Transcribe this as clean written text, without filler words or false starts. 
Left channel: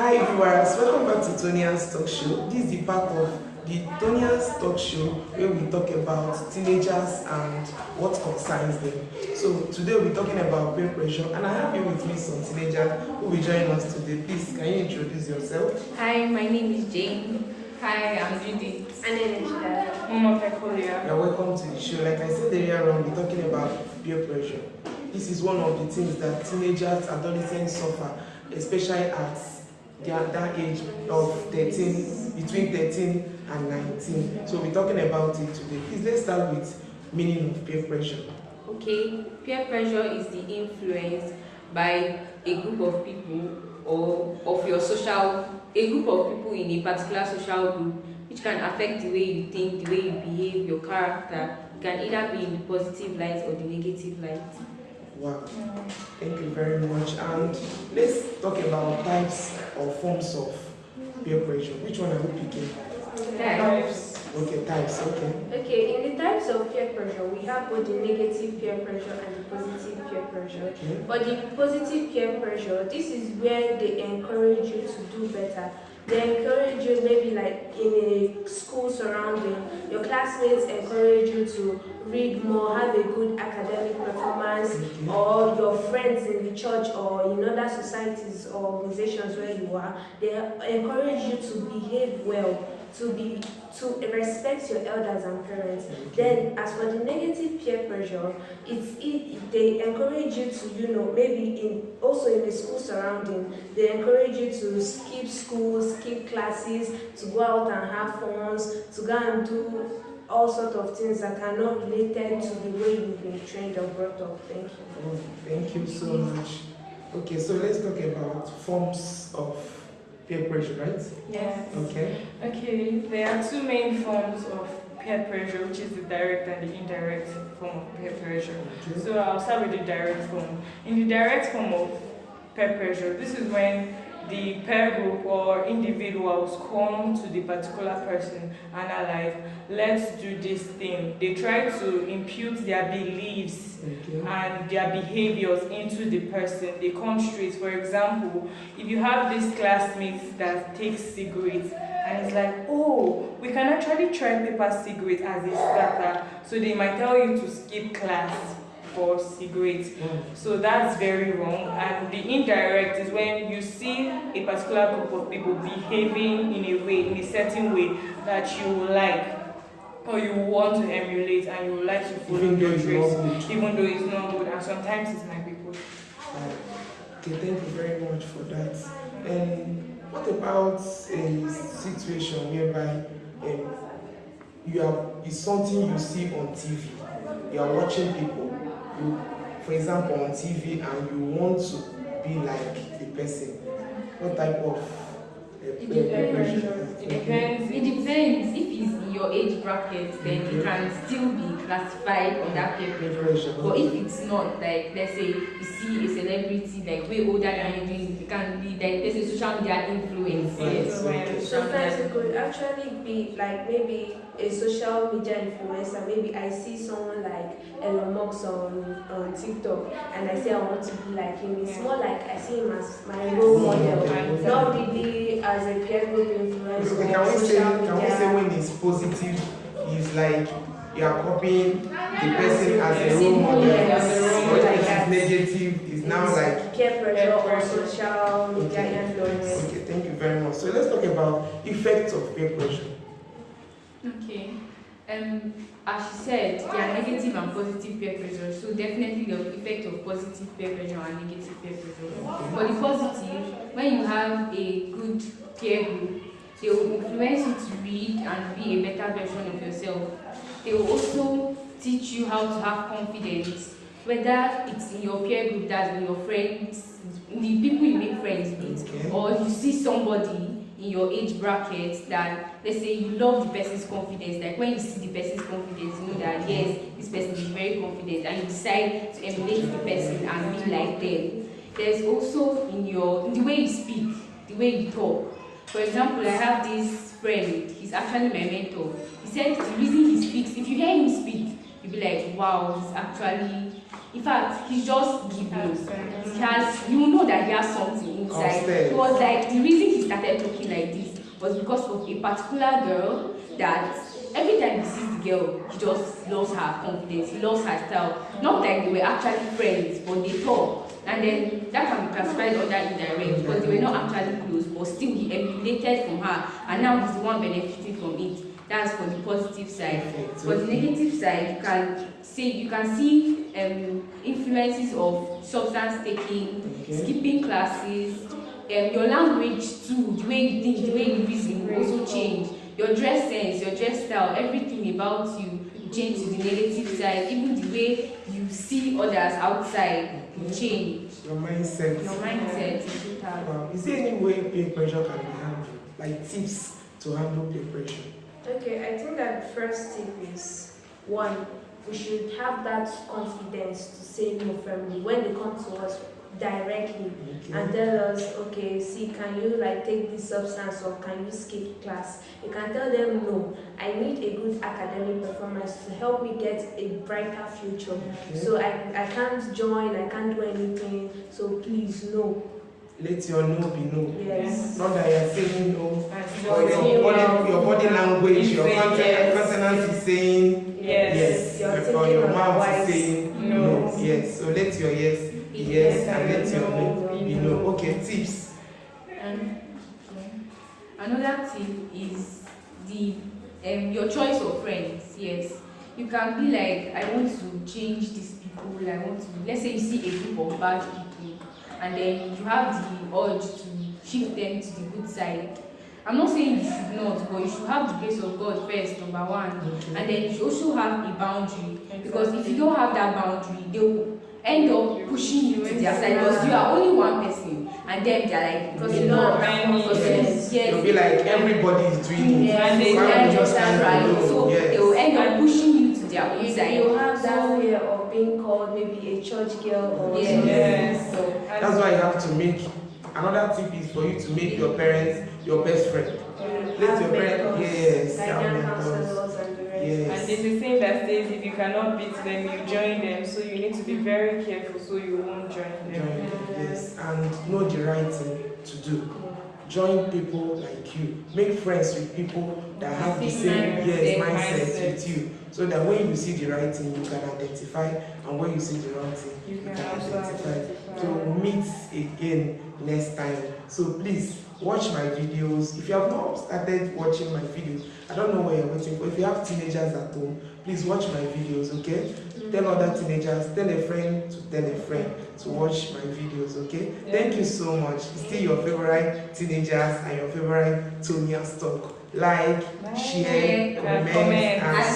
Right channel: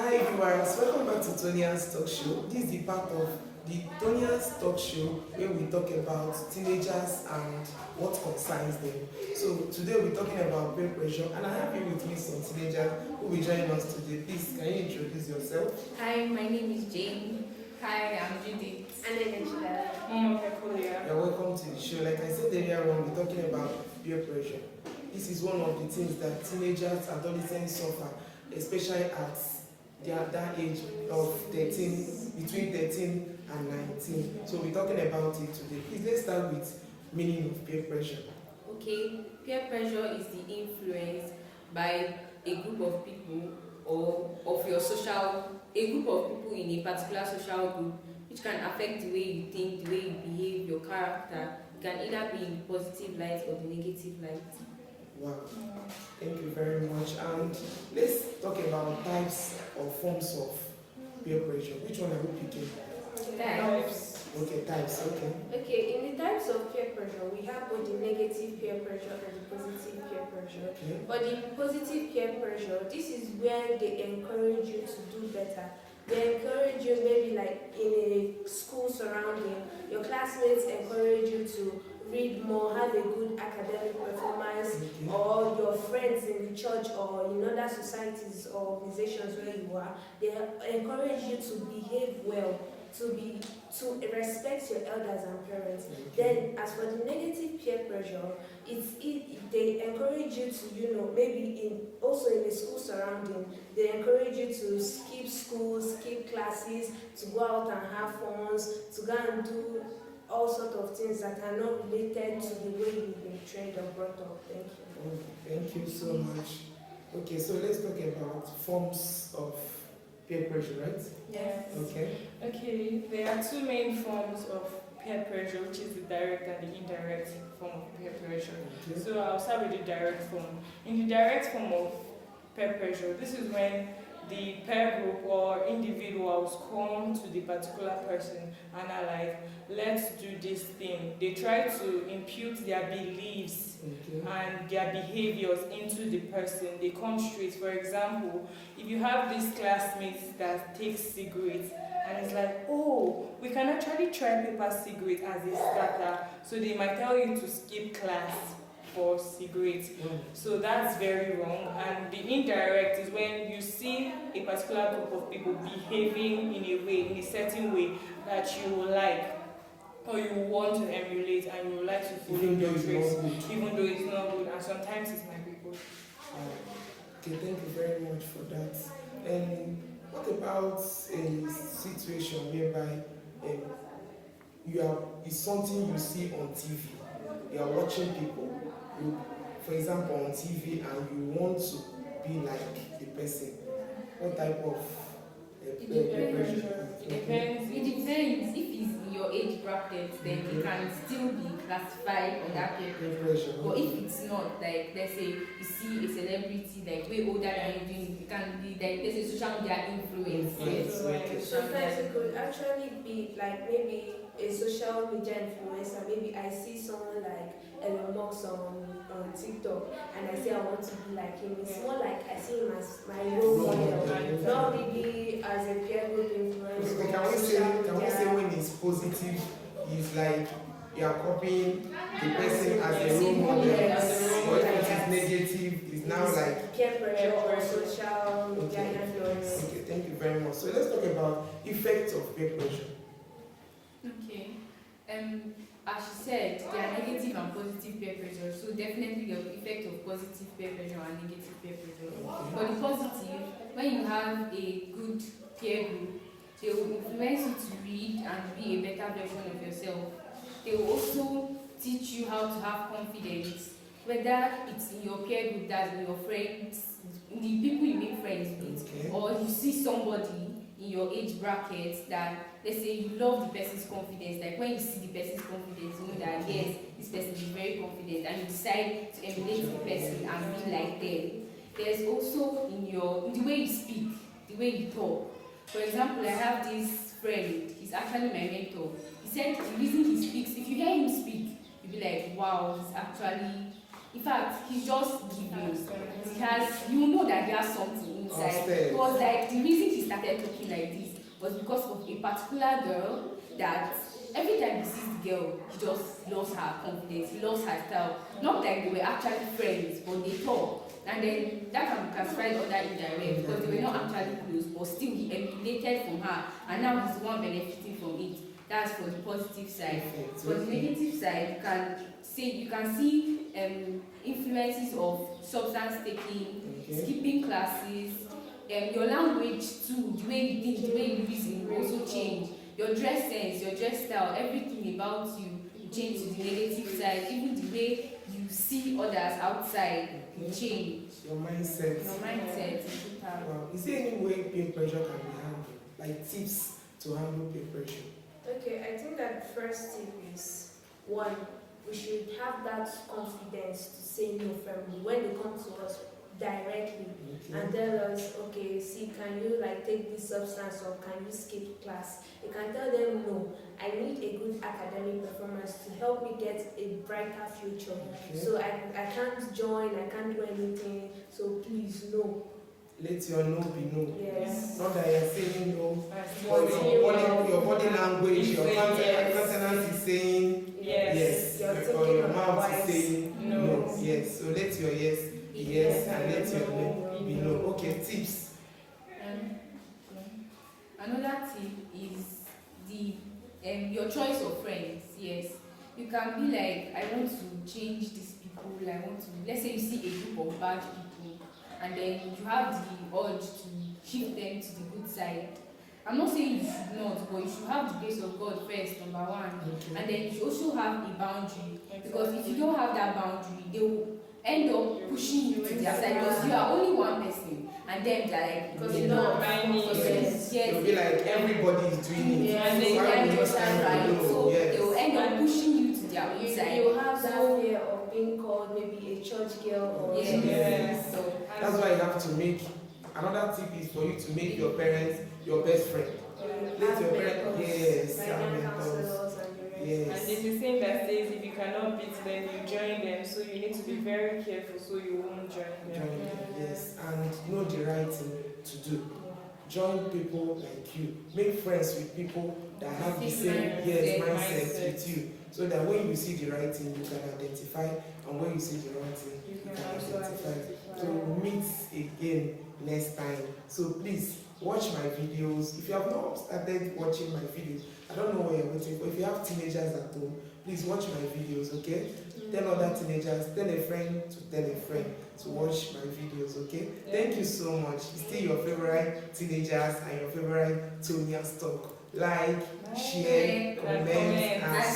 Hi viewers, welcome back to Tonia's Talk Show. This is the part of the Tonia's Talk Show where we talk about teenagers and what concerns them. So today we're talking about peer pressure, and I have here with me some teenagers who will join us today. Please, can you introduce yourself? Hi, my name is Jane. Hi, I'm Judith. And then it's You're welcome to the show. Like I said earlier on, we're talking about peer pressure. This is one of the things that teenagers, adolescents suffer, especially at that age of 13, between 13 and 19. So we're talking about it today. Please, let's start with meaning of peer pressure. Okay, peer pressure is the influence by a group of people or of your social, a group of people in a particular social group, which can affect the way you think, the way you behave, your character. It can either be in the positive light or the negative light. Wow, thank you very much. And let's talk about types or forms of peer pressure. Which one are we picking? Types. Okay, types, okay. Okay, in the types of peer pressure, we have both the negative peer pressure and the positive peer pressure. Okay. But the positive peer pressure, this is where they encourage you to do better. They encourage you maybe like in a school surrounding, your classmates encourage you to read more, have a good academic performance, Okay. or your friends in the church or in other societies or organizations where you are, they encourage you to behave well, to respect your elders and parents. Okay. Then, as for the negative peer pressure, they encourage you to, maybe also in the school surrounding, they encourage you to skip school, skip classes, to go out and have fun, to go and do all sorts of things that are not related to the way you've been trained or brought up. Thank you. Oh, thank you so much. Okay, so let's talk about forms of peer pressure, right? Yes. Okay. Okay, there are two main forms of peer pressure, which is the direct and the indirect form of peer pressure. Okay. So I'll start with the direct form. In the direct form of peer pressure, this is when the peer group or individuals come to the particular person and are like, let's do this thing. They try to impute their beliefs Okay. and their behaviors into the person. They come straight. For example, if you have this classmate that takes cigarettes and it's like, oh, we can actually try paper cigarette as a starter. So they might tell you to skip class for cigarettes. So that's very wrong. And the indirect is when you see a particular group of people behaving in a way, in a certain way that you like, or you want to emulate and you would like to follow your traits, even though it's not good, and sometimes it might be good. Okay, thank you very much for that. And what about a situation whereby it's something you see on TV? You are watching people, for example, on TV, and you want to be like the person. What type of peer pressure? It depends. It depends. If it's in your age bracket, then it can still be classified under peer pressure. But if it's not, like let's say you see a celebrity like way older than you doing, it can be like there's a social media influence. Yes. Yes. Sometimes it could actually be like maybe a social media influencer. Maybe I see someone like Elon Musk on TikTok and I say I want to be like him. It's more like I see him as my role model, not really as a peer group influencer. Okay, can we say when it's positive, it's like you are copying the person as a role model, but if it is negative, it's now like peer pressure or social media influence. Okay, thank you very much. So let's talk about effects of peer pressure. Okay. As she said, there are negative and positive peer pressure. So definitely the effect of positive peer pressure and negative peer pressure. For the positive, when you have a good peer group, they will influence you to read and be a better version of yourself. They will also teach you how to have confidence, whether it's in your peer group, that's with your friends, the people you make friends with, or you see somebody in your age bracket that, let's say, you love the person's confidence. Like when you see the person's confidence, you know that yes, this person is very confident, and you decide to emulate the person and be like them. There's also in the way you speak, the way you talk. For example, I have this friend, he's actually my mentor. He said the reason he speaks, if you hear him speak, you'll be like, wow, he's actually, in fact, he's just giving. You will know that he has something in good side. Upstairs. He was like, the reason he started talking like this was because of a particular girl that every time he sees the girl, he just lost her confidence, he lost her style. Not like they were actually friends, but they talk. And then that can be classified under indirect because they were not actually close, but still he emulated from her, and now he's the one benefiting from it. That's for the positive side. For the negative side, you can see influences of substance taking, skipping classes, your language too, the way you think, the way you reason will also change. Your dress sense, your dress style, everything about you will change to the negative side. Even the way you see others outside will change. Your mindset. Your mindset is total. Wow. Is there any way peer pressure can be handled? Like tips to handle peer pressure? Okay, I think that the first tip is one, we should have that confidence to say no firmly when they come to us directly and tell us, okay, see, can you like take this substance or can you skip class? You can tell them no, I need a good academic performance to help me get a brighter future. So I can't join, I can't do anything, so please no. Let your no be no. Yes. Not that you're saying no, or your body language, your countenance is saying yes, or your mouth is saying no. Yes. So let your yes be yes and let your no be no. Okay, tips. Another tip is the your choice of friends. Yes, you can be like, I want to change these people. I want to. Let's say you see a group of bad people, and then you have the urge to shift them to the good side. I'm not saying you should not, but you should have the grace of God first, number one. And then you should also have a boundary. Because if you don't have that boundary, they will end up pushing you to their side because you are only one person. And then they're like, because you know, yes. You'll be like, everybody is doing it. And they are just right. So they will end up pushing you to their own side. You have that fear of being called maybe a church girl or something. Yes. So that's why you have to make. Another tip is for you to make your parents your best friend. Let your parents, yes, And there's a saying that says if you cannot beat them, you join them. So you need to be very careful so you won't join them. Yes, and know the right thing to do. Join people like you. Make friends with people that have the same mindset with you. So that when you see the right thing, you can identify, and when you see the wrong thing, you can identify. So meet again next time. So please watch my videos. If you have not started watching my videos, I don't know what you're waiting for. If you have teenagers at home, please watch my videos, okay? Tell other teenagers, tell a friend to tell a friend to watch my videos, okay? Thank you so much. It's still your favorite teenagers and your favorite Tonia'sTalk. Like, share, comment, and